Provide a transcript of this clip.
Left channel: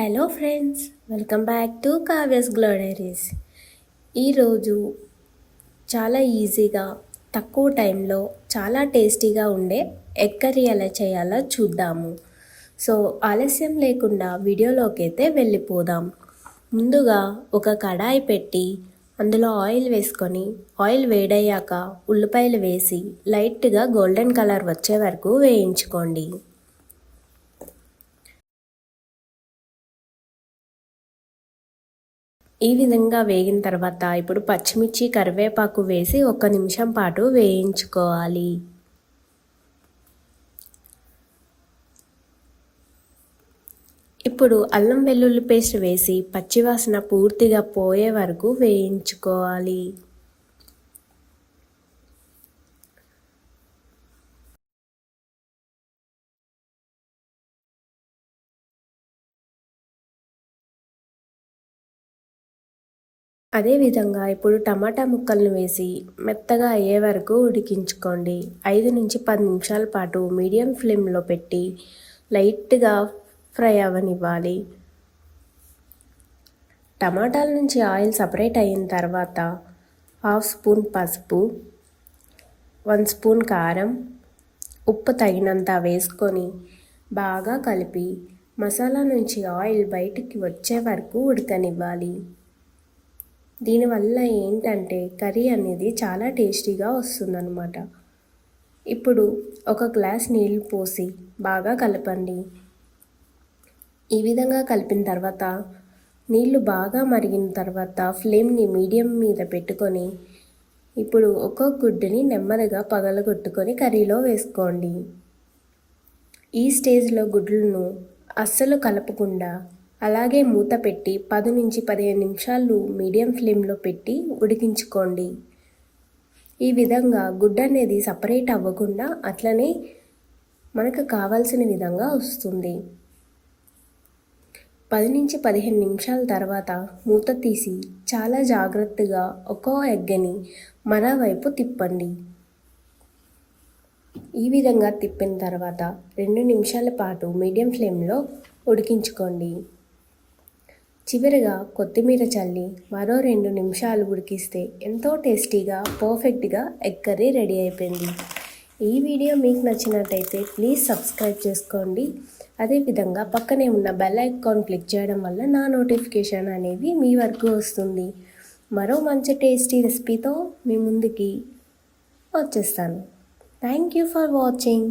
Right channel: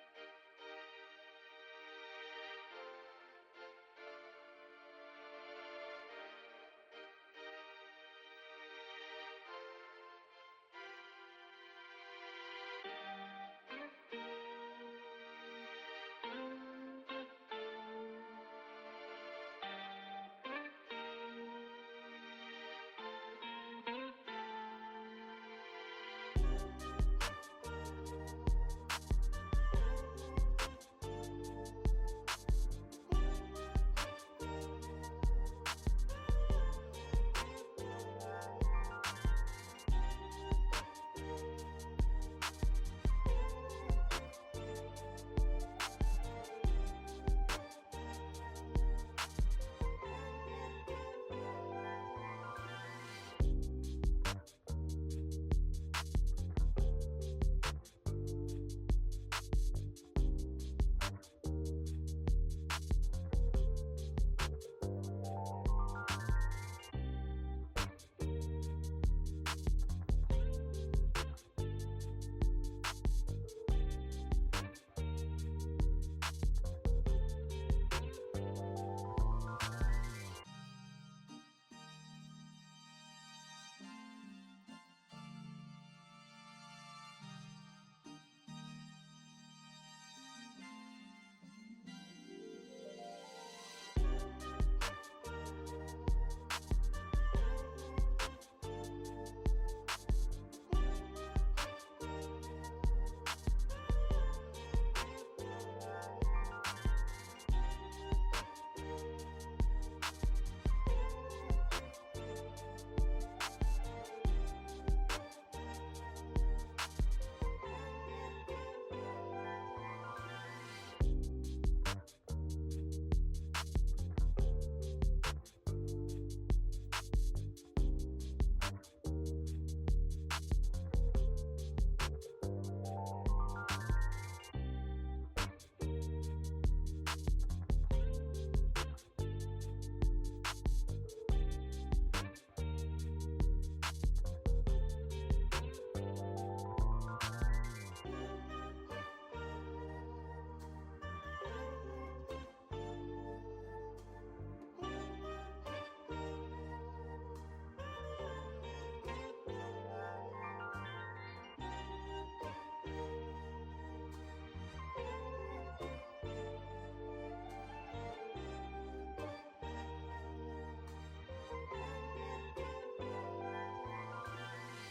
Hello friends, welcome back to Kavya's groceries. ఈరోజు చాలా ఈజీగా తక్కువ టైంలో చాలా టేస్టీగా ఉండే ఎగ్ కర్రీ ఎలా చేయాలో చూద్దాము. సో ఆలస్యం లేకుండా వీడియోలోకి అయితే వెళ్ళిపోదాం. ముందుగా ఒక కడాయి పెట్టి అందులో ఆయిల్ వేసుకొని ఆయిల్ వేడయ్యాక ఉల్లిపాయలు వేసి లైట్గా గోల్డెన్ కలర్ వచ్చే వరకు వేయించుకోండి. ఈ విధంగా వేగిన తర్వాత ఇప్పుడు పచ్చిమిర్చి కరివేపాకు వేసి 1 నిమిషం పాటు వేయించుకోవాలి. ఇప్పుడు అల్లం వెల్లుల్లి పేస్ట్ వేసి పచ్చివాసన పూర్తిగా పోయే వరకు వేయించుకోవాలి. అదేవిధంగా ఇప్పుడు టమాటా ముక్కలను వేసి మెత్తగా అయ్యే వరకు ఉడికించుకోండి. 5 నుంచి 10 నిమిషాల పాటు మీడియం ఫ్లేమ్లో పెట్టి లైట్గా ఫ్రై అవ్వనివ్వాలి. టమాటాల నుంచి ఆయిల్ సపరేట్ అయిన తర్వాత 1/2 స్పూన్ పసుపు, 1 స్పూన్ కారం, ఉప్పు తగినంత వేసుకొని బాగా కలిపి మసాలా నుంచి ఆయిల్ బయటికి వచ్చే వరకు ఉడకనివ్వాలి. దీనివల్ల ఏంటంటే కర్రీ అనేది చాలా టేస్టీగా వస్తుందన్నమాట. ఇప్పుడు 1 గ్లాస్ నీళ్ళు పోసి బాగా కలపండి. ఈ విధంగా కలిపిన తర్వాత నీళ్ళు బాగా మరిగిన తర్వాత ఫ్లేమ్ని మీడియం మీద పెట్టుకొని ఇప్పుడు ఒక్కొక్క గుడ్డుని నెమ్మదిగా పగలగొట్టుకొని కర్రీలో వేసుకోండి. ఈ స్టేజ్లో గుడ్లను అస్సలు కలపకుండా అలాగే మూత పెట్టి 10 నుంచి 15 నిమిషాలు మీడియం ఫ్లేమ్లో పెట్టి ఉడికించుకోండి. ఈ విధంగా గుడ్డ అనేది సపరేట్ అవ్వకుండా అట్లనే మనకు కావాల్సిన విధంగా వస్తుంది. 10 నుంచి 15 నిమిషాల తర్వాత మూత తీసి చాలా జాగ్రత్తగా ఒక్కో ఎగ్ని మరోవైపు తిప్పండి. ఈ విధంగా తిప్పిన తర్వాత 2 నిమిషాల పాటు మీడియం ఫ్లేమ్లో ఉడికించుకోండి. చివరిగా కొత్తిమీర చల్లి మరో 2 నిమిషాలు ఉడికిస్తే ఎంతో టేస్టీగా పర్ఫెక్ట్గా ఎగ్ కర్రీ రెడీ అయిపోయింది. ఈ వీడియో మీకు నచ్చినట్టయితే ప్లీజ్ సబ్స్క్రైబ్ చేసుకోండి. అదేవిధంగా పక్కనే ఉన్న బెల్ ఐకాన్ క్లిక్ చేయడం వల్ల నా నోటిఫికేషన్ అనేది మీ వరకు వస్తుంది. మరో మంచి టేస్టీ రెసిపీతో మీ ముందుకి వచ్చేస్తాను. Thank you for watching.